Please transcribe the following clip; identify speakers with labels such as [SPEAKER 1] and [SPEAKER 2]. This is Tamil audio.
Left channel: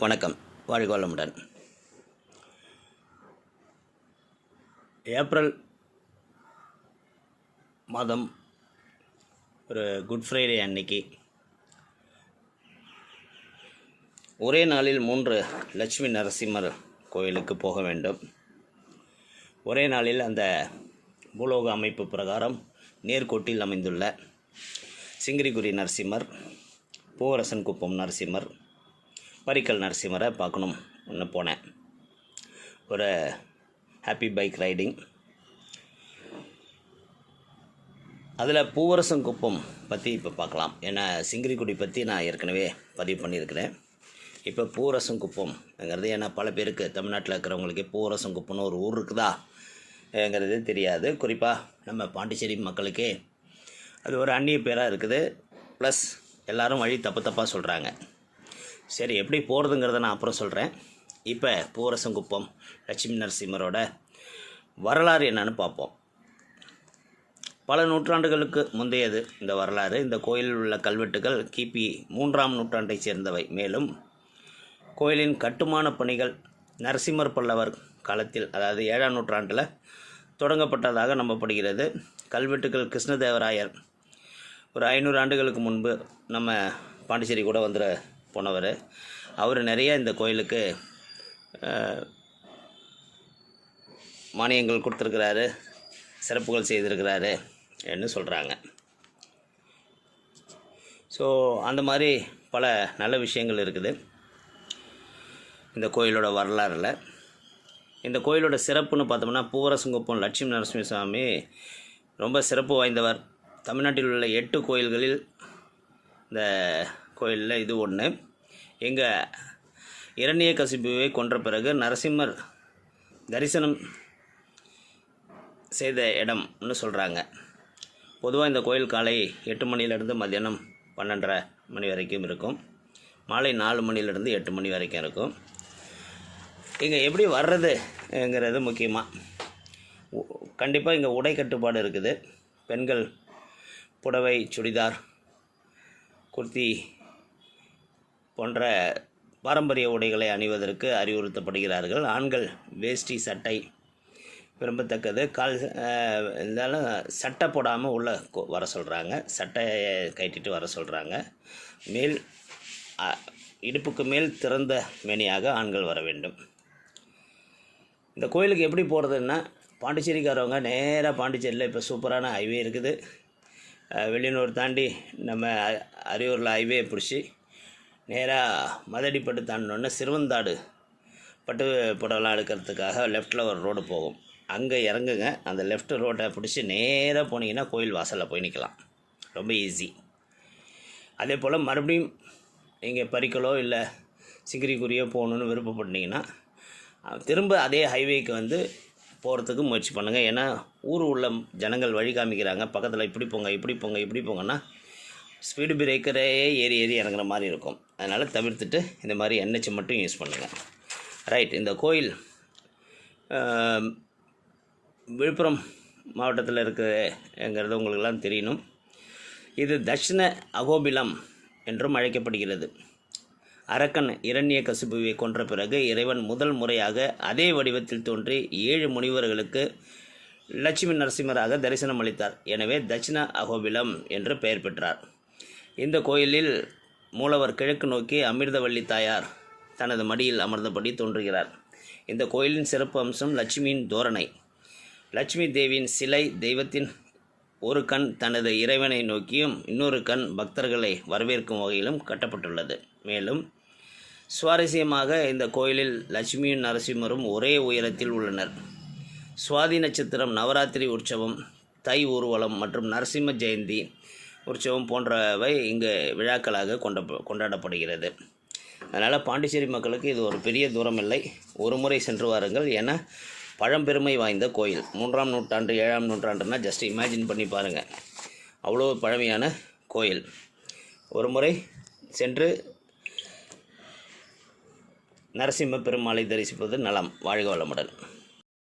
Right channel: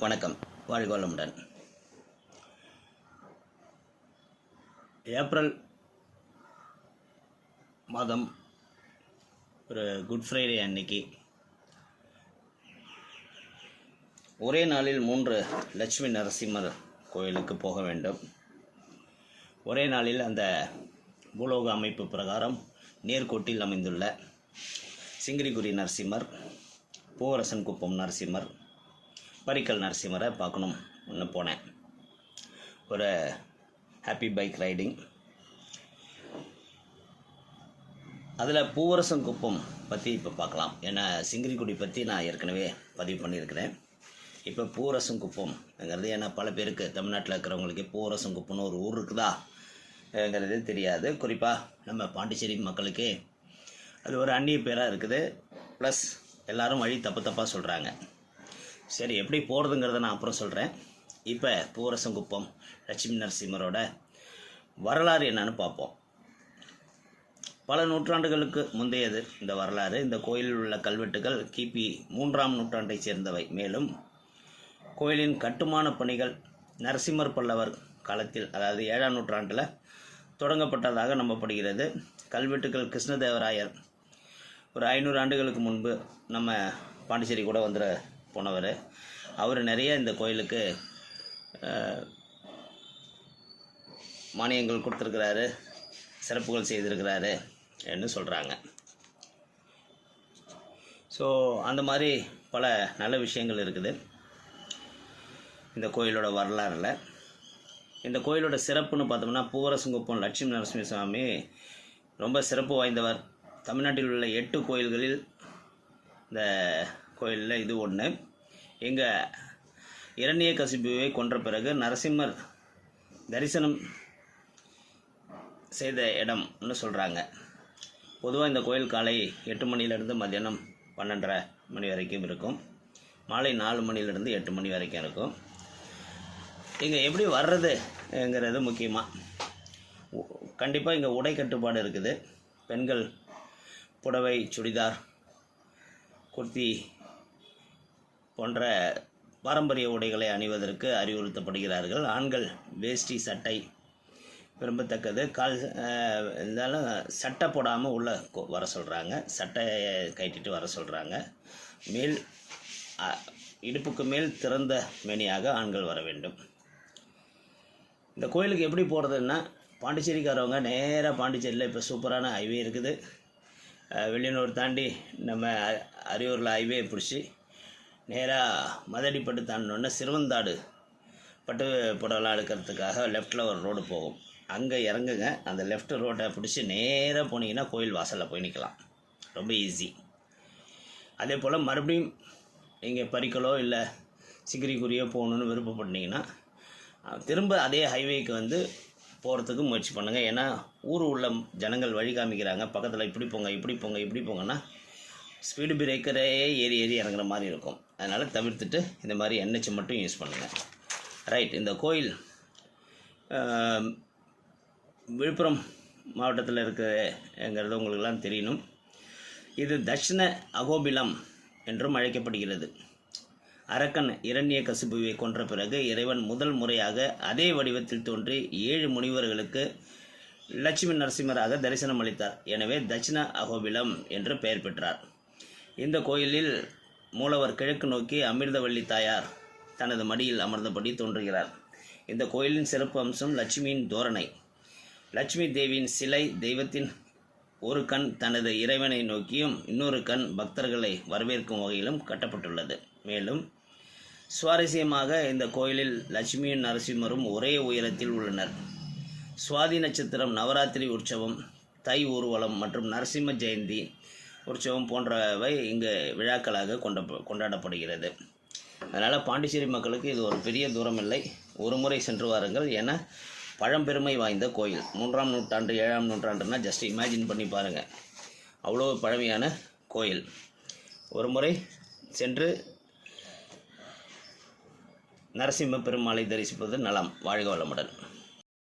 [SPEAKER 1] வணக்கம். வாழ்கோளமுடன் ஏப்ரல் மாதம் ஒரு குட் ஃப்ரைடே அன்னைக்கு. ஒரே நாளில் மூன்று லட்சுமி நரசிம்மர் கோயிலுக்கு போக வேண்டும். ஒரே நாளில் அந்த பூலோக அமைப்பு பிரகாரம் நேர்கோட்டில் அமைந்துள்ள சிங்கிரிகுரி நரசிம்மர் பூவரசன் குப்பம் நரசிம்மர் பரிக்கல் நரசிம்மரை பார்க்கணும். ஒன்று போனேன். ஒரு ஹாப்பி பைக் ரைடிங் அதில் பூவரசம் குப்பம் பற்றி இப்போ பார்க்கலாம். ஏன்னா சிங்கிரிக்குடி பற்றி நான் ஏற்கனவே பதிவு பண்ணியிருக்கிறேன். இப்போ பூவரசம் குப்பம்ங்கிறது ஏன்னா பல பேருக்கு தமிழ்நாட்டில் இருக்கிறவங்களுக்கு பூவரசம் குப்பம்னு ஒரு ஊர் இருக்குதா ங்கிறது தெரியாது. குறிப்பாக நம்ம பாண்டிச்சேரி மக்களுக்கே அது ஒரு அந்நிய பேராக இருக்குது. ப்ளஸ் எல்லோரும் வழி தப்பு தப்பாக சொல்கிறாங்க சரி எப்படி போகிறதுங்கிறத நான் அப்புறம் சொல்கிறேன் இப்போ பூவரசங்குப்பம் லட்சுமி நரசிம்மரோட வரலாறு என்னன்னு பார்ப்போம். பல நூற்றாண்டுகளுக்கு முந்தையது இந்த வரலாறு. இந்த கோயிலில் உள்ள கல்வெட்டுகள் கிபி மூன்றாம் நூற்றாண்டைச் சேர்ந்தவை. மேலும் கோயிலின் கட்டுமான பணிகள் நரசிம்மர் பல்லவர் காலத்தில் அதாவது ஏழாம் நூற்றாண்டில் தொடங்கப்பட்டதாக நம்பப்படுகிறது. கல்வெட்டுகள் கிருஷ்ணதேவராயர் ஒரு ஐநூறு ஆண்டுகளுக்கு முன்பு நம்ம பாண்டிச்சேரி கூட வந்துட போனவர். அவர் நிறைய இந்த கோயிலுக்கு மானியங்கள் கொடுத்துருக்கிறாரு சிறப்புகள் செய்திருக்கிறாரு என்று சொல்கிறாங்க ஸோ அந்த மாதிரி பல நல்ல விஷயங்கள் இருக்குது. இந்த கோயிலோட வரலாறில். இந்த கோயிலோட சிறப்புன்னு பார்த்தோம்னா பூவரசங்குப்பம் லட்சுமி நரசிம்ம சுவாமி ரொம்ப சிறப்பு வாய்ந்தவர். தமிழ்நாட்டில் உள்ள எட்டு கோயில்களில் இந்த கோயிலில் இது ஒன்று எங்கள் இரணிய கசிபுவை கொன்ற பிறகு நரசிம்மர் தரிசனம் செய்த இடம்னு சொல்கிறாங்க பொதுவாக இந்த கோயில் காலை எட்டு மணிலேருந்து மத்தியானம் பன்னெண்டரை மணி வரைக்கும் இருக்கும். மாலை நாலு மணிலேருந்து எட்டு மணி வரைக்கும் இருக்கும். இங்கே எப்படி வர்றதுங்கிறது முக்கியமாக கண்டிப்பாக இங்கே உடை கட்டுப்பாடு இருக்குது. பெண்கள் புடவை சுடிதார் குர்த்தி போன்ற பாரம்பரிய உடைகளை அணிவதற்கு அறிவுறுத்தப்படுகிறார்கள். ஆண்கள் வேஷ்டி சட்டை விரும்பத்தக்கது. கால் இருந்தாலும் சட்டை போடாமல் உள்ளே கொ- வர சொல்கிறாங்க சட்டையை கட்டிட்டு வர சொல்கிறாங்க மேல் இடுப்புக்கு மேல் திறந்த மேனியாக ஆண்கள் வர வேண்டும். இந்த கோயிலுக்கு எப்படி போகிறதுன்னா பாண்டிச்சேரிக்காரவங்க நேராக பாண்டிச்சேரியில் இப்போ சூப்பரான ஹைவே இருக்குது. வெளியூர் தாண்டி நம்ம அ- அரியூரில் ஹைவே பிடிச்சி நேராக மதடிப்பட்டு தாண்டினோடனே சிறுவந்தாடு பட்டு புடவெல்லாம் எடுக்கிறதுக்காக லெஃப்ட்டில் ஒரு ரோடு போகும். அங்கே இறங்குங்க. அந்த லெஃப்ட் ரோட்டை பிடிச்சி நேராக போனீங்கன்னா கோயில் வாசலில் போய் நிற்கலாம் ரொம்ப ஈஸி அதே போல் மறுபடியும் நீங்கள் பறிக்கலோ இல்லை சிக்கிரிக்குரியோ போகணுன்னு விருப்பப்பட்டீங்கன்னா திரும்ப அதே ஹைவேக்கு வந்து போகிறதுக்கு முயற்சி பண்ணுங்கள் ஏன்னா ஊர் உள்ள ஜனங்கள் வழி காமிக்கிறாங்க. பக்கத்தில் இப்படி போங்க இப்படி போங்க இப்படி போங்கன்னா ஸ்பீடு பிரேக்கரே ஏறி ஏறி இறங்குற மாதிரி இருக்கும். அதனால் தவிர்த்துட்டு இந்த மாதிரி என்ஹெச் மட்டும் யூஸ் பண்ணுங்கள் ரைட் இந்த கோயில் விழுப்புரம் மாவட்டத்தில் இருக்குங்கிறது உங்களுக்கெல்லாம் தெரியணும். இது தட்சிண அகோபிலம் என்றும் அழைக்கப்படுகிறது. அரக்கன் இரண்ய கசிபுவை கொன்ற பிறகு இறைவன் முதல் முறையாக அதே வடிவத்தில் தோன்றி ஏழு முனிவர்களுக்கு லட்சுமி நரசிம்மராக தரிசனம் அளித்தார் எனவே தட்சிண அகோபிலம் என்று பெயர் பெற்றார். இந்த கோயிலில் மூலவர் கிழக்கு நோக்கி அமிர்தவள்ளி தாயார் தனது மடியில் அமர்ந்தபடி தோன்றுகிறார். இந்த கோயிலின் சிறப்பு அம்சம் லட்சுமியின் தோரணை. லட்சுமி தேவியின் சிலை தெய்வத்தின் ஒரு கண் தனது இறைவனை நோக்கியும் இன்னொரு கண் பக்தர்களை வரவேற்கும் வகையிலும் கட்டப்பட்டுள்ளது. மேலும் சுவாரஸ்யமாக இந்த கோயிலில் லட்சுமியும் நரசிம்மரும் ஒரே உயரத்தில் உள்ளனர். சுவாதி நட்சத்திரம் நவராத்திரி உற்சவம் தை ஊர்வலம் மற்றும் நரசிம்ம ஜெயந்தி உற்சவம் போன்றவை இங்கு விழாக்களாக கொண்ட கொண்டாடப்படுகிறது. அதனால் பாண்டிச்சேரி மக்களுக்கு இது ஒரு பெரிய தூரம் இல்லை. ஒரு முறை சென்று வாருங்கள். என பழம்பெருமை வாய்ந்த கோயில். மூன்றாம் நூற்றாண்டு ஏழாம் நூற்றாண்டுனால் ஜஸ்ட் இமேஜின் பண்ணி பாருங்கள் அவ்வளோ பழமையான கோயில். ஒரு முறை சென்று நரசிம்ம பெருமாளை தரிசிப்பது நலம். வாழ்க வளமுடன்.